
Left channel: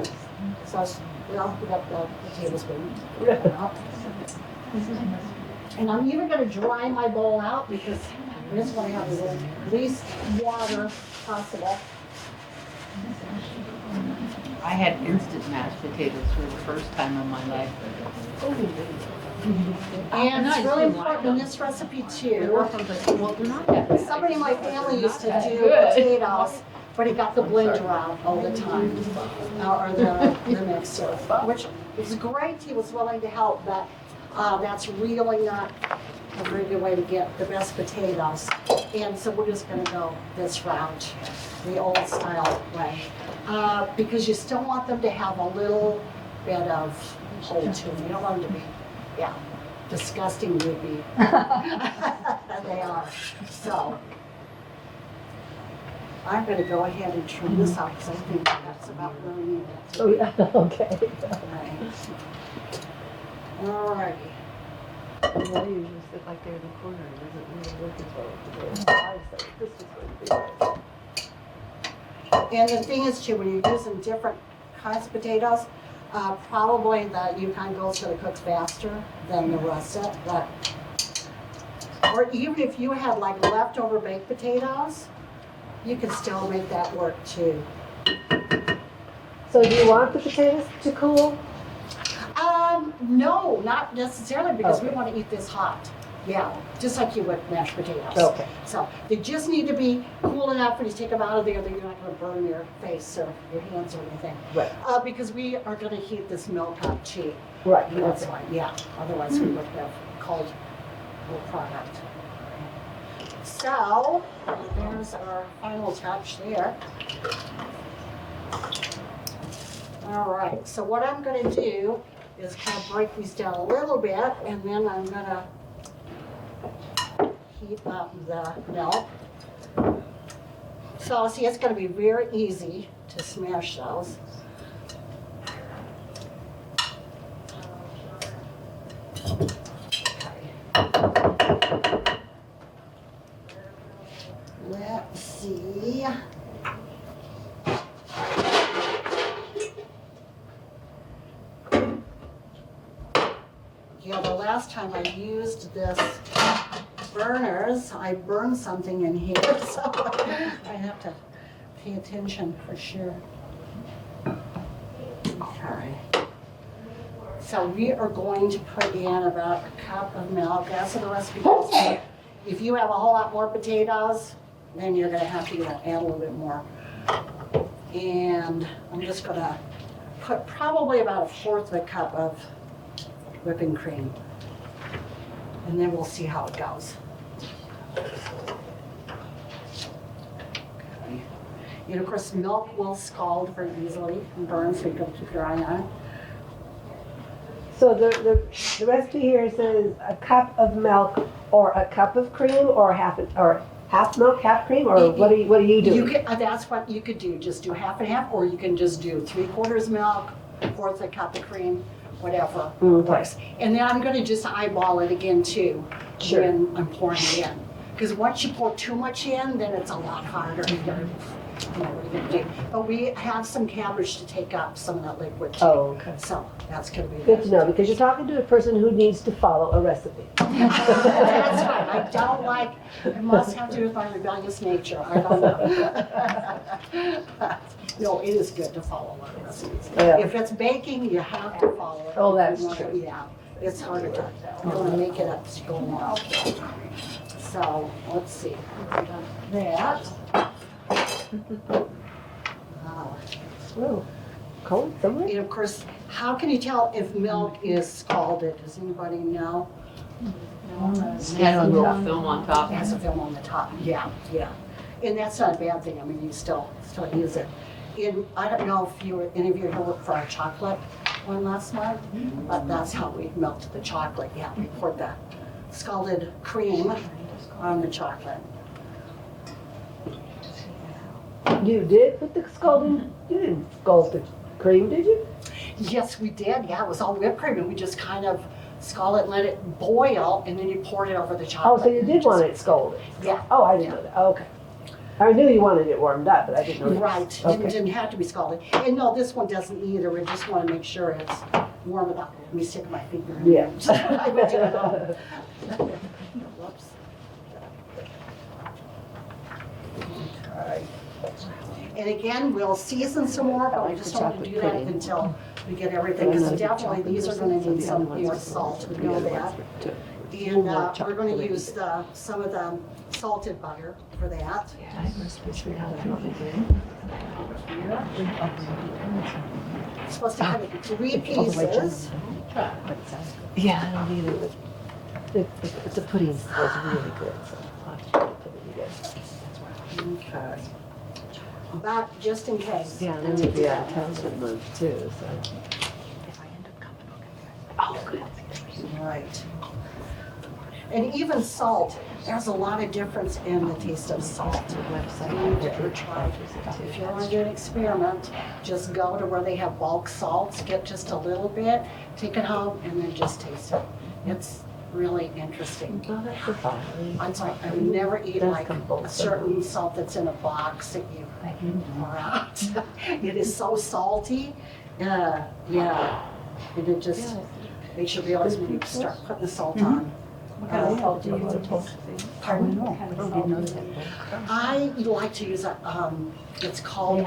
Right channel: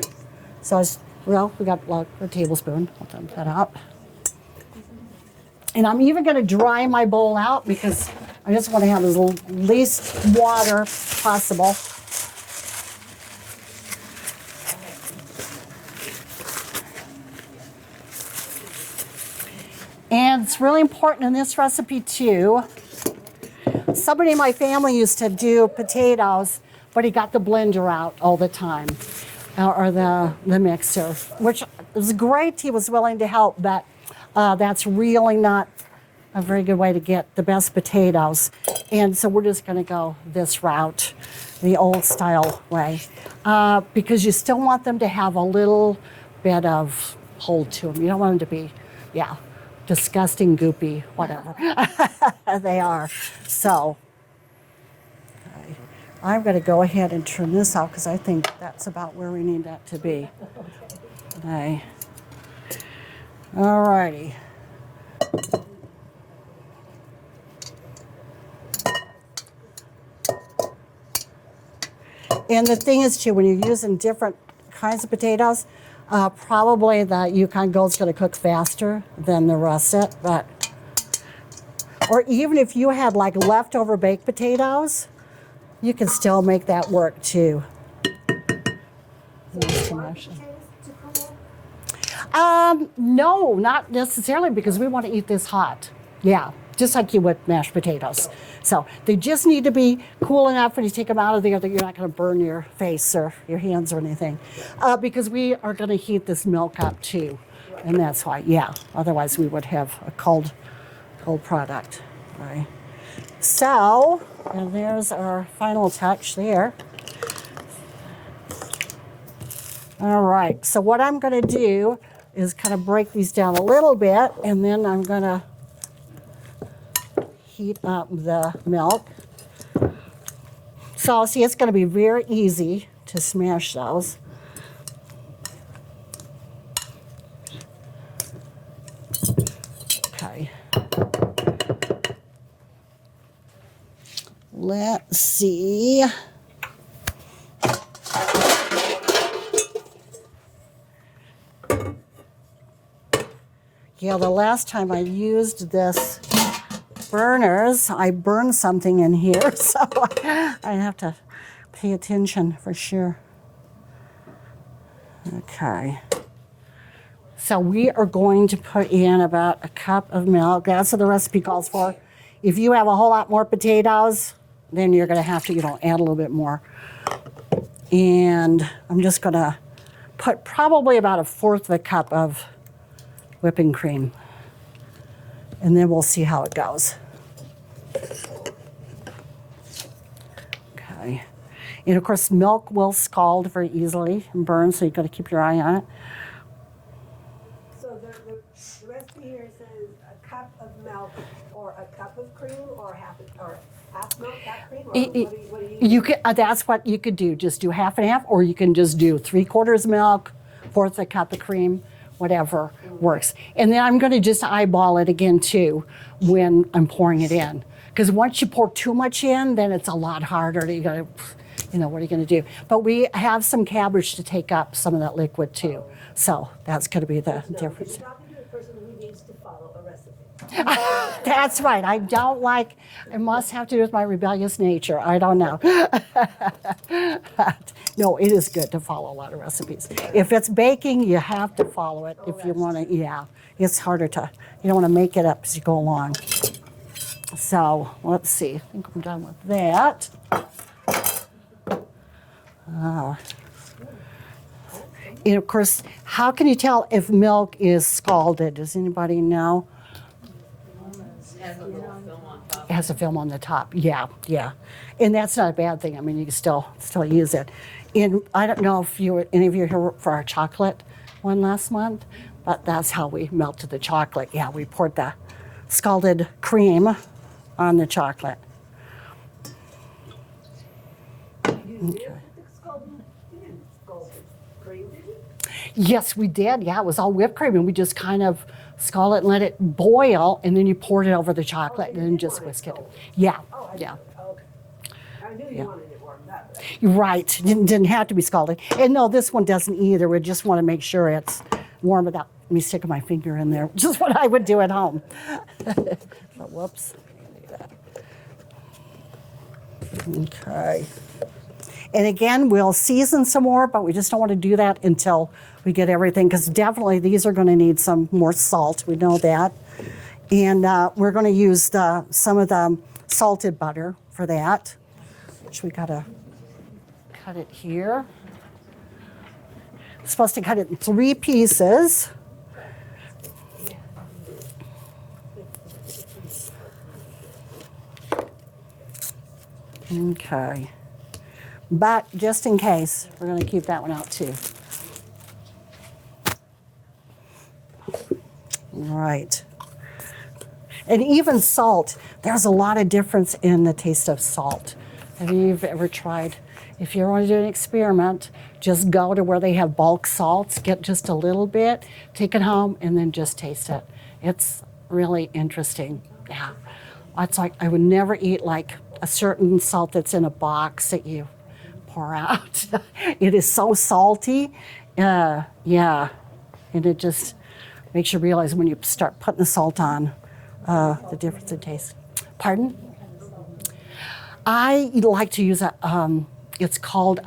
so well, we got a tablespoon. I'll put that up. And I'm even gonna dry my bowl out because I just want to have as least water possible. I had instant mashed potatoes for the first time in my life. And it's really important in this recipe too. Somebody in my family used to do potatoes, but he got the blender out all the time, or the mixer, which was great. He was willing to help, but that's really not a very good way to get the best potatoes. And so we're just gonna go this route, the old style way. Because you still want them to have a little bit of hold to them. You don't want them to be, yeah, disgusting goopy. They are. So I'm gonna go ahead and turn this off because I think that's about where we need that to be. Okay. Okay. All righty. And the thing is too, when you're using different kinds of potatoes, probably the Yukon Gold's gonna cook faster than the russet, but, or even if you have like leftover baked potatoes, you can still make that work too. So do you want the potatoes to cool? No, not necessarily because we want to eat this hot. Yeah, just like you would mashed potatoes. Okay. So they just need to be cool enough when you take them out of there that you're not going to burn your face or your hands or anything. Right. Because we are going to heat this milk up too. Right. And that's why, yeah. Otherwise we would have a cold product. All right. So, and there's our final touch there. All right, so what I'm gonna do is kind of break these down a little bit, and then I'm gonna heat up the milk. So see, it's gonna be very easy to smash those. Okay. Let's see. Yeah, the last time I used this burners, I burned something in here, so I have to pay attention for sure. Okay. So we are going to put in about a cup of milk. That's what the recipe calls for. If you have a whole lot more potatoes, then you're gonna have to, add a little bit more. And I'm just gonna put probably about 1/4 of a cup of whipping cream. And then we'll see how it goes. Okay. And of course, milk will scald very easily and burn, so you've got to keep your eye on it. So the recipe here says a cup of milk or a cup of cream or half milk, half cream, or what do you do? You could, that's what you could do. Just do half and half, or you can just do 3/4 milk, 1/4 a cup of cream, whatever works. And then I'm going to just eyeball it again too when I'm pouring it in. Because once you pour too much in, then it's a lot harder. You got to, what are you going to do? But we have some cabbage to take up some of that liquid too. Oh, okay. So that's going to be Good to know, because you're the. talking to a person who needs to follow a recipe. That's right. I don't like. It must have to do with my rebellious nature. I don't know. No, it is good to follow a lot of recipes. Yeah. If it's baking, you have to follow it. Oh, if that's you want true. to, yeah. It's harder to, you don't want to make it up as you go along. So, let's see. I'm done with that. Oh, cold somewhere? And of course, how can you tell if milk is scalded? Does anybody know? It has a little film on top. It has a film on the top. Yeah, yeah. And that's not a bad thing. I mean, you can still use it. And I don't know if any of you here worked for our chocolate one last month, but that's how we melted the chocolate. Yeah, we poured the scalded cream on the chocolate. You did put the scalding, you didn't scald the cream, did you? Yes, we did. Yeah, it was all whipped cream, and we just kind of scald it and let it boil, and then you poured it over the Oh, chocolate. so you and did just want it mixed scalded? Yeah. Oh, I didn't know that, okay. I knew you wanted it warmed up, but I didn't know. Right, Okay. didn't have to be scalded. And no, this one doesn't either. We just want to make sure it's warm without me sticking my finger in there. Yeah. Just what I would do at home. Whoops. Okay. And again, we'll season some more, but we just don't want to do that until we get everything, because definitely these are going to need some more salt. We know that. And we're going to use some of the salted butter for that, which we gotta cut it here. Supposed to cut it in 3 pieces. Yeah, I don't either, but the pudding was really good, so I'll put it together. Okay. But just in case, Yeah, we're gonna keep that one too. too, so. Oh, good. Right. And even salt, there's a lot of difference in the taste of salt. Have you ever tried? If you want to do an experiment, just go to where they have bulk salts, get just a little bit, take it home, and then just taste it. It's really interesting. It's like I would never eat like a certain salt that's in a box that you pour out. It is so salty. Yeah, and it just makes you realize when you start putting the salt on, the difference in taste. Pardon? I like to use it's called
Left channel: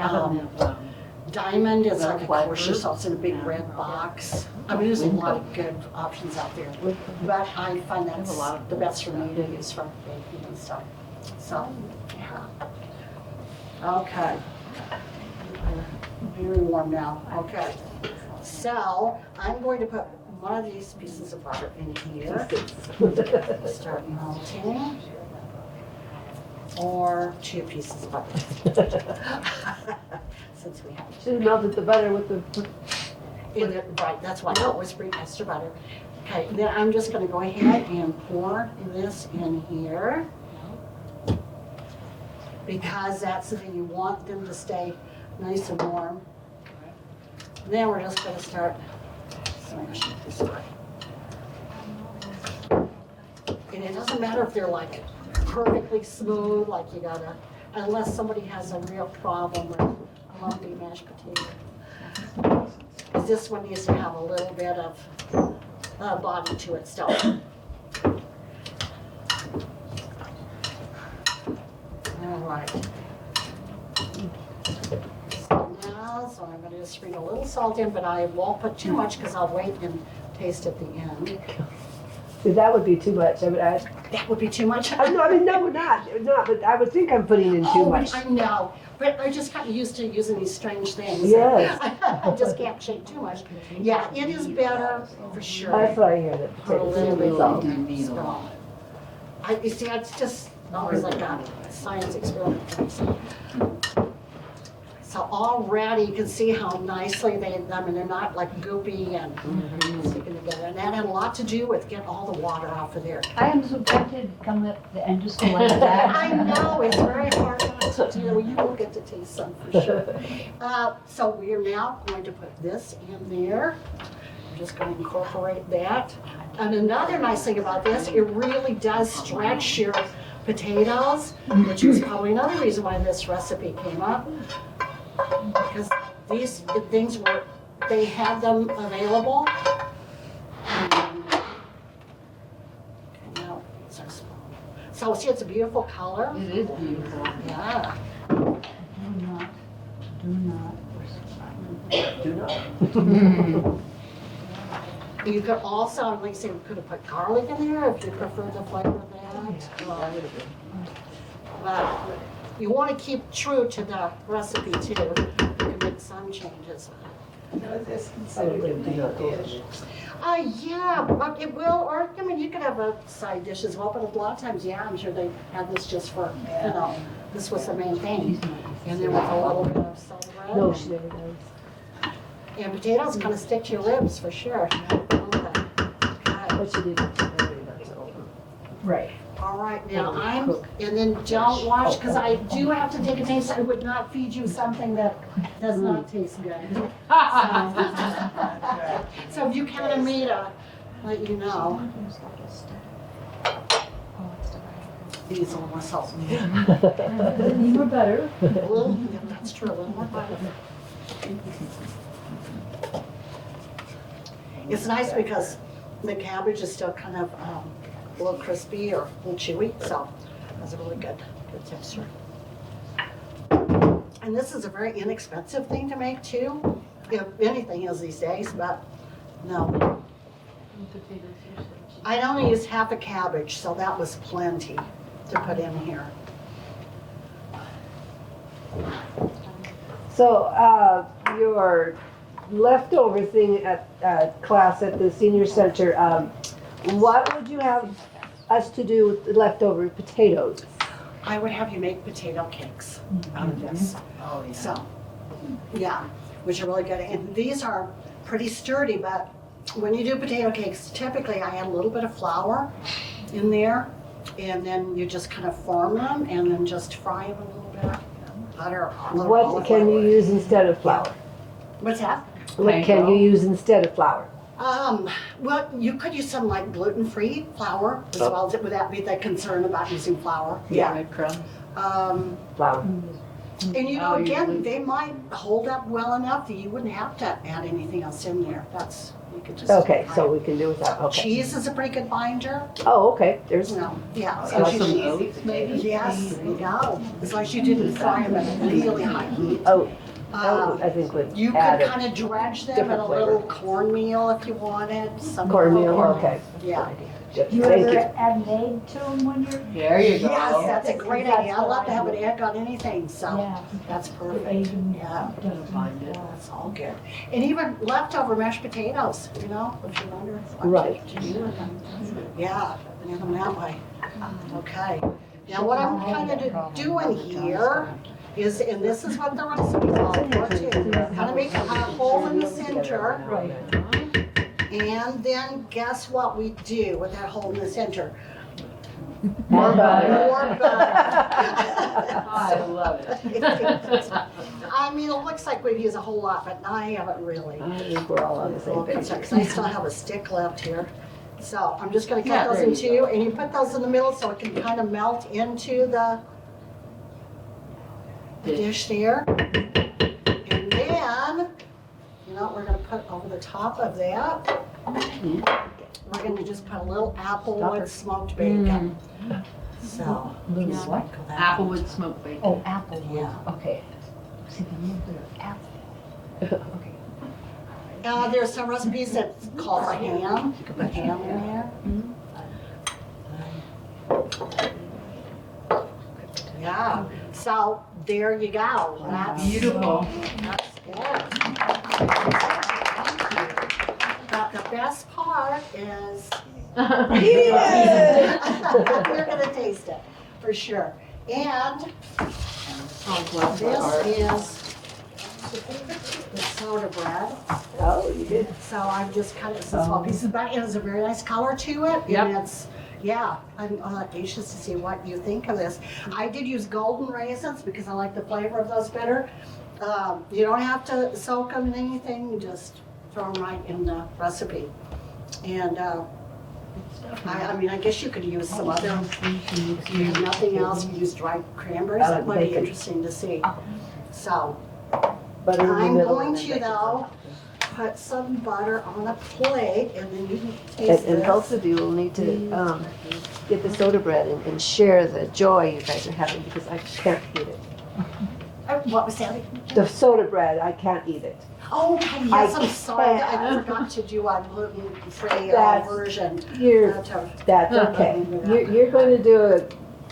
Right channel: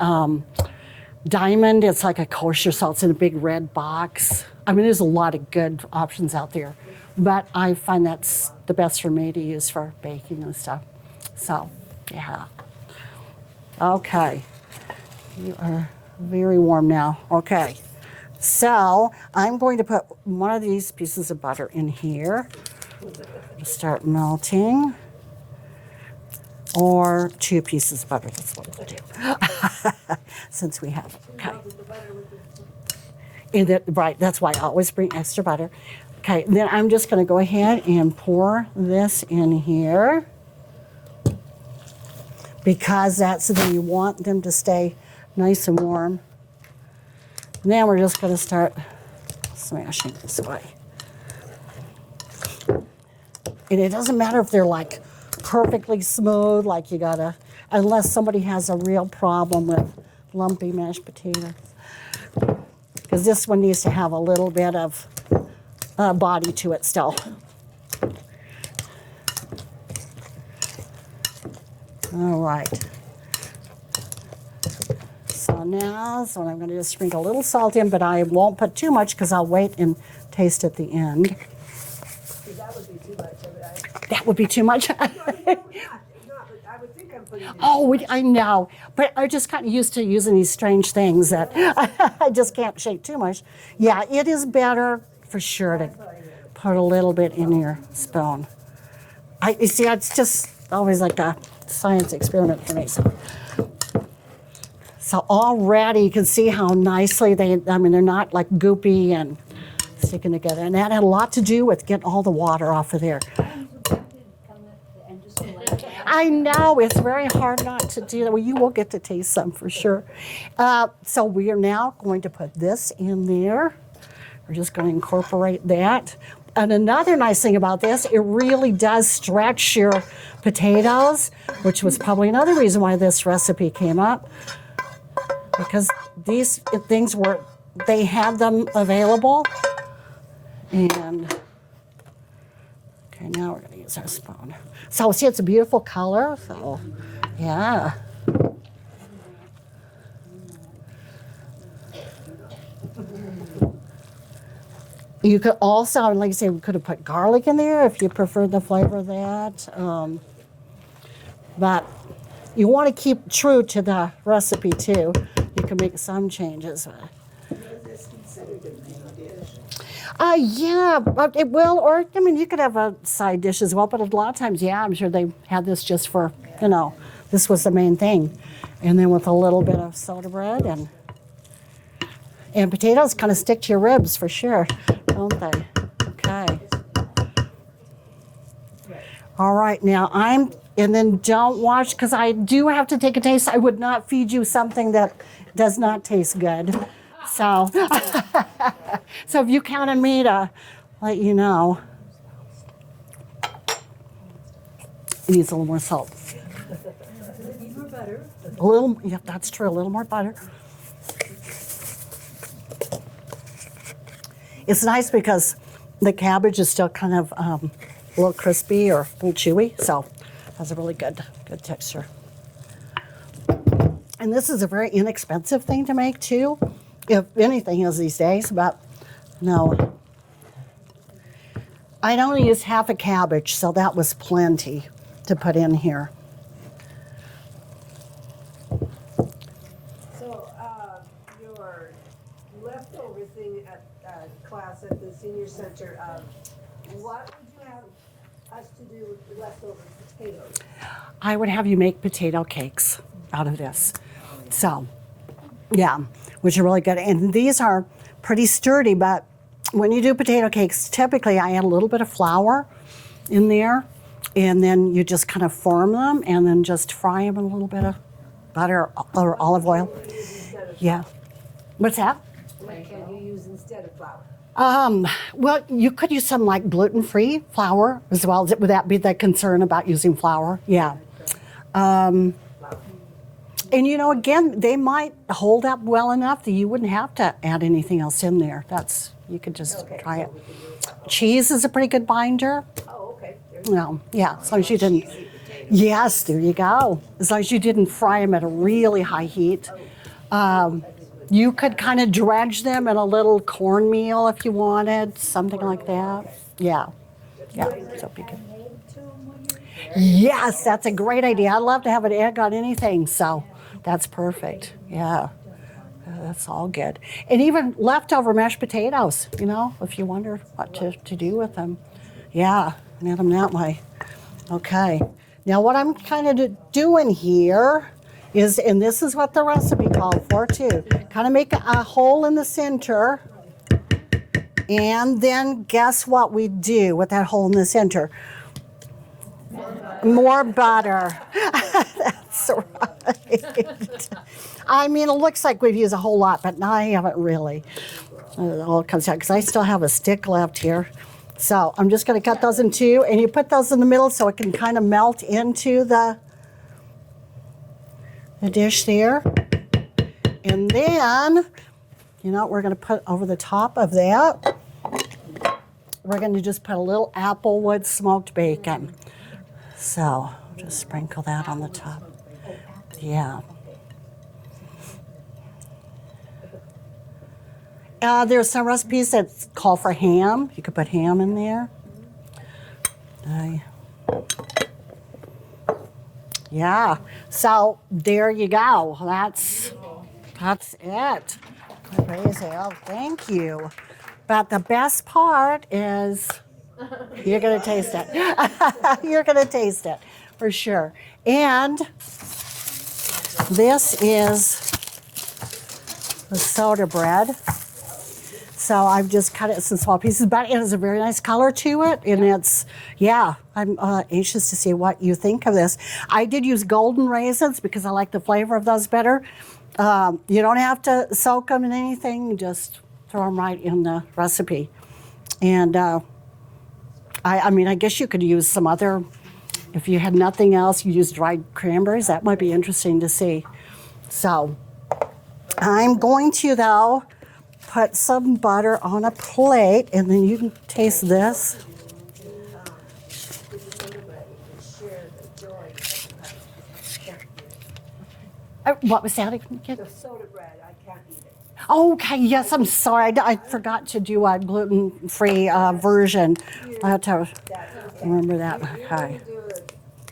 Diamond. It's like a kosher salt. It's in a big red box. I mean, there's a lot of good options out there, but I find that's the best for me to use for baking and stuff. So, yeah. Okay. You are very warm now. Okay. So, I'm going to put one of these pieces of butter in here. Start melting. Or 2 pieces of butter. Since we have. Should have melted the butter with the. Right, that's why I always bring extra butter. Okay, then I'm just gonna go ahead and pour this in here. Because that's the thing, you want them to stay nice and warm. And then we're just gonna start smashing this way. And it doesn't matter if they're like perfectly smooth, like you gotta, unless somebody has a real problem with lumpy mashed potatoes. Because this one needs to have a little bit of body to it still. All right. So now, I'm going to just sprinkle a little salt in, but I won't put too much because I'll wait and taste at the end. Because that would be too much. That would be too much. No, we're not. We're not, but I would think I'm putting in too Oh, much. I know, but I just got used to using these strange things. Yes. I just can't shake too much. Yeah, it is better for sure. That's what I hear. Put a little bit in your spoon. You see, it's just always like a science experiment for me. So already you can see how nicely they're not like goopy and sticking together. And that had a lot to do with getting all the water off of there. I am so tempted to come up and just go like that. I know, it's very hard not to do that. Well, you will get to taste some for sure. So we are now going to put this in there. We're just going to incorporate that. And another nice thing about this, it really does stretch your potatoes, which was probably another reason why this recipe came up. Because these things they have them available. And, okay, now we're going to use our spoon. So see, it's a beautiful color. It is beautiful. Yeah. You could also, like I say, we could have put garlic in there if you prefer the flavor of that. But you want to keep true to the recipe too. You can make some changes. Yeah, but it will, or I mean, you could have a side dish as well. But a lot of times, yeah, I'm sure they have this just for, this was the main thing, and then with a little bit of soda bread and potatoes, kind of stick to your ribs for sure, don't they? Okay. All right, now and then don't watch, because I do have to take a taste. I would not feed you something that does not taste good. So, so if you count on me to let you know. Needs a little more salt. Need more butter. A little, yep, that's true, a little more butter. It's nice because the cabbage is still kind of a little crispy or a little chewy, so that's a really good texture. And this is a very inexpensive thing to make too, if anything is these days, but no. I only used half a cabbage, so that was plenty to put in here. So, your leftover thing at class at the senior center, what would you have us to do with the leftover potatoes? I would have you make potato cakes out of this. So, yeah, which are really good. And these are pretty sturdy, but when you do potato cakes, typically I add a little bit of flour in there, and then you just kind of form them and then just fry them in a little bit of butter or What olive can oil. you use instead of Yeah. flour? What's that? What can you use instead of flour? Well, you could use some like gluten-free flour as well. Would that be the concern about using flour? Yeah. Flour. And you know, again, they might hold up well enough that you wouldn't have to add anything else in there. You could just Okay, fry so it. we can do without, okay. Cheese is a pretty good binder. Oh, okay, there's, No, yeah, as long as you didn't. Oats, maybe? Yes, there you go. As long as you didn't fry them at a really high heat. oh, Um, I think would you could add it. kind of dredge them in a little cornmeal if you wanted, something like Cornmeal, that. okay. Yeah. Just- You Thank you. ever add an egg to them when you're? There you go. Yes, that's a great idea. I love to have an egg on anything, so Yeah. that's perfect. Yeah, that's all good. And even leftover mashed potatoes, you know, if you wonder what Right. to do with them. Yeah, and have them that way. Okay. Now what I'm kind of doing here is, and this is what the recipe called for too, kind of make a hole in the center. And then guess what we do with that hole in the center? More butter. More butter. I love it. I mean, it looks like we've used a whole lot, but I haven't really. I think we're all on the It same all comes out, page. because I still have a stick left here. So I'm just gonna cut Yeah, those there in you two, and you put those in the middle so it can kind of melt into the dish there. And then, you know what we're gonna put over the top of that? We're gonna just put a little applewood smoked bacon. So, just sprinkle that on the Applewood top. smoked bacon. Oh, apple. Yeah. Okay. See, the nuclear apple. There's some recipes that call for ham. You could put ham in there. Yeah. So there you go. Beautiful. That's it. Thank you. But the best part is you're gonna taste it. You're gonna taste it for sure. And this is the soda bread. Oh, you did. So I've just cut it into small pieces, but it has a very nice color to it, and Yep. it's, yeah, I'm anxious to see what you think of this. I did use golden raisins because I like the flavor of those better. You don't have to soak them in anything, you just throw them right in the recipe. And I mean, I guess you could use some other, if you had nothing else, you use dried cranberries, that might be interesting to see. So, Butter in the I'm middle. going to, though, put some butter on a plate, and then you can taste And both this. of you will need to get the soda bread and share the joy you guys are having, because I can't eat it. What was that? The soda bread, I can't eat it. Oh, okay, yes, I I'm sorry. I can't. forgot to do a gluten-free That's- version. You're, That's that's okay. remember that. You're going to do a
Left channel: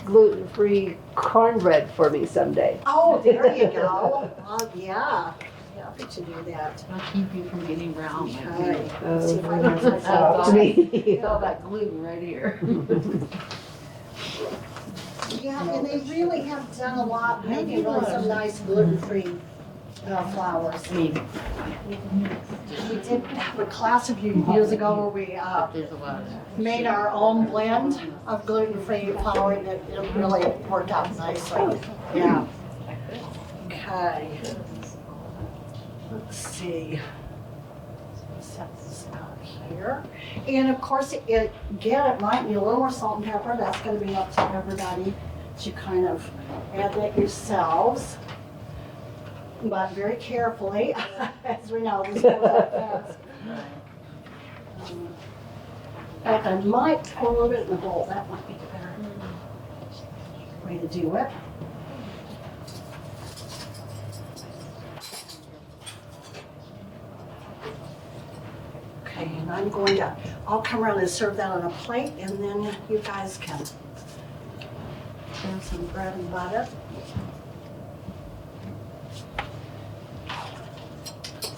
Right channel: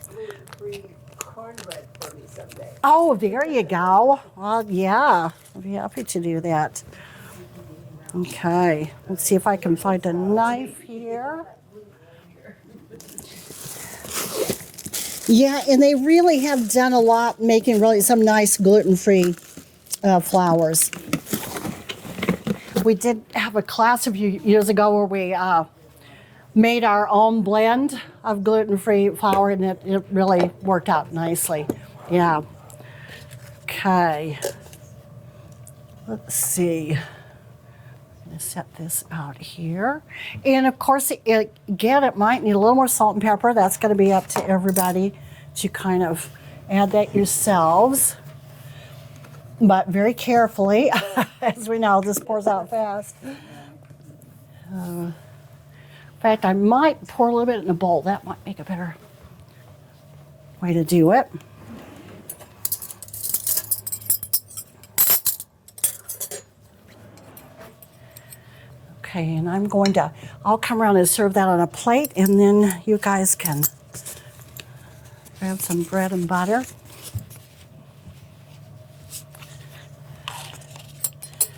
gluten-free cornbread for me someday. Oh, there you go. Well, yeah, I'd be happy to do that. I'll keep you from getting round. Okay, let's see if I can find that. Oh, line. me. All that gluten right here. Yeah, and they really have done a lot making really some nice gluten-free flours. We did have a class a few years ago where we There's a lot of that. made our own blend of gluten-free flour, and it really worked out nicely. Yeah. Okay. Let's see. Set this out here. And of course, again, it might need a little more salt and pepper. That's going to be up to everybody to kind of add that yourselves. But very carefully, as we know, this goes out fast. In fact, I might pour a little bit in a bowl. That might make a better way to do it. Okay, and I'll come around and serve that on a plate, and then you guys can grab some bread and butter.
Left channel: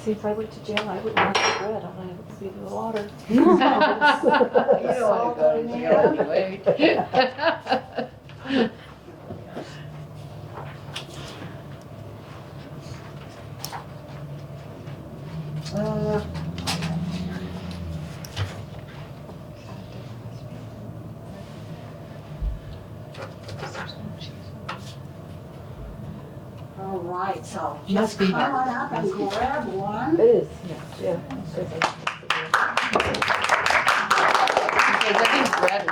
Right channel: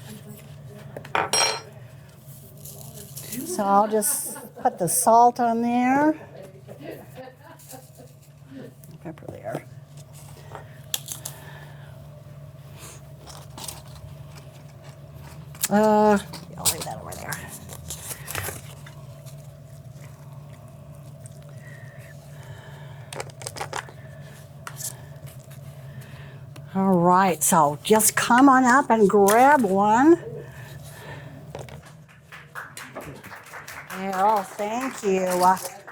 See, if I went to jail, I wouldn't have the bread, I would see the water. So I'll just put the salt on there. Wait. All right, so just come on up and grab one. It is, yeah. Oh, thank you. Bread